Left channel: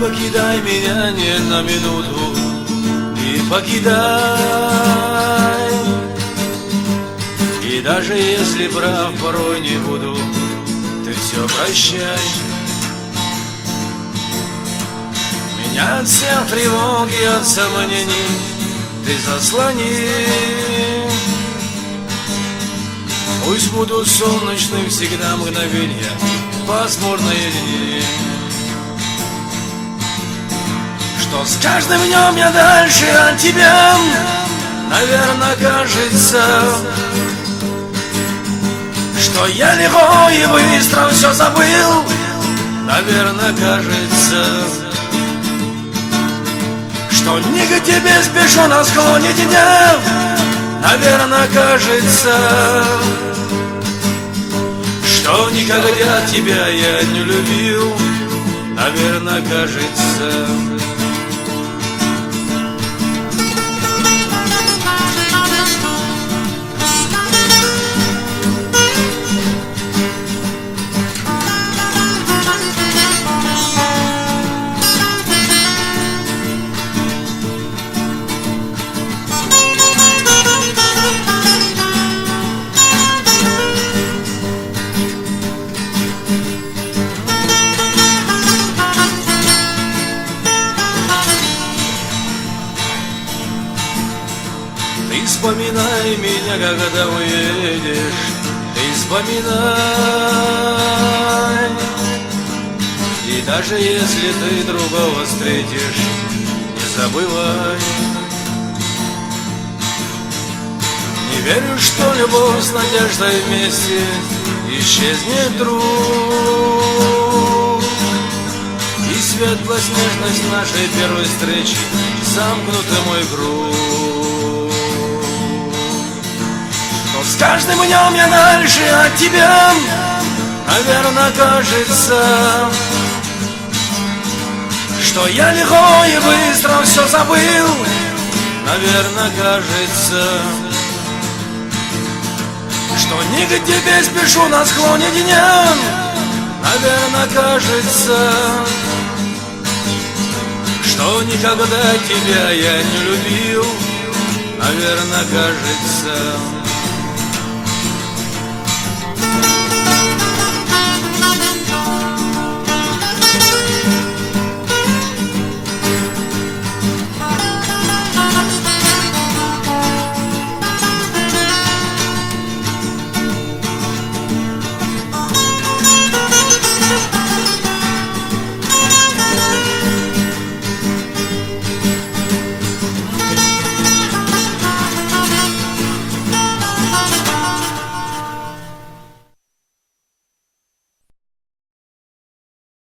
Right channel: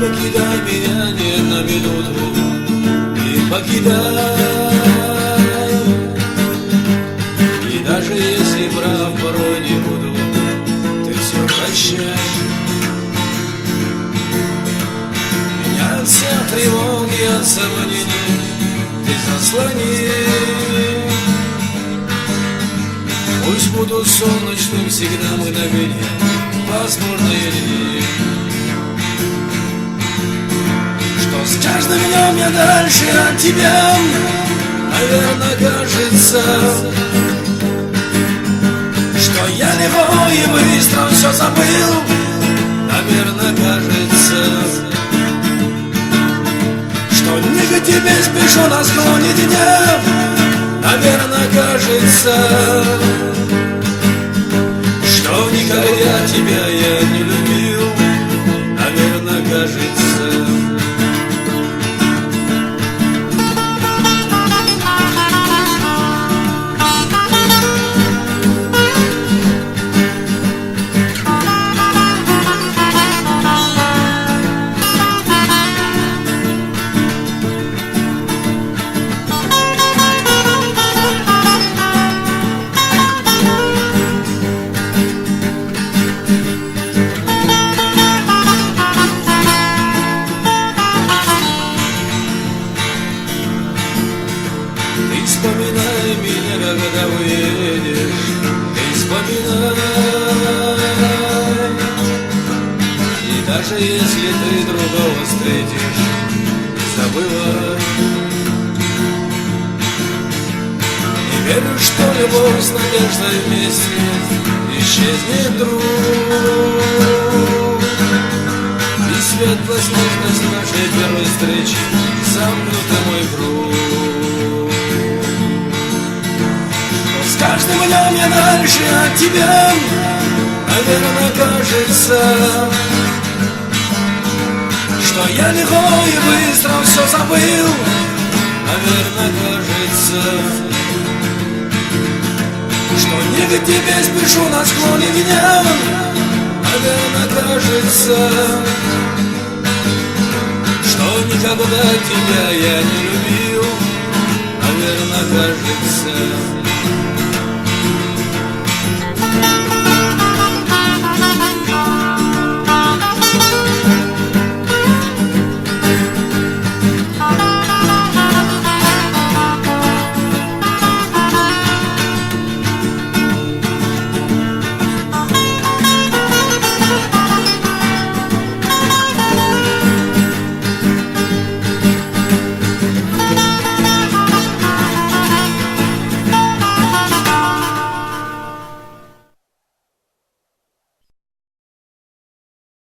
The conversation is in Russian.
покидай меня ни на минуту, не покидай. И даже если прав порой не буду, ты все прощай. Меня от всех тревог и от сомнений ты заслони. Пусть будут солнечны всегда мгновения, пасмурные дни. Что с каждым днем я дальше от тебя, наверное, кажется, что я легко и быстро все забыл, наверное, кажется, что не к тебе спешу на склоне дня, наверное, кажется, что никогда тебя я не любил, наверное, кажется. Ты вспоминай меня, когда уедешь, ты вспоминай. И даже если ты другого встретишь, не забывай. Не верю, что любовь с надеждой вместе исчезнет вдруг, и светло-снежность нашей первой встречи замкнуты мой круг. С каждым днем я дальше от тебя, наверное, кажется, что я легко и быстро все забыл, наверное, кажется, что не к тебе спешу на склоне дня, наверное, кажется, что никогда тебя я не любил, наверное, кажется.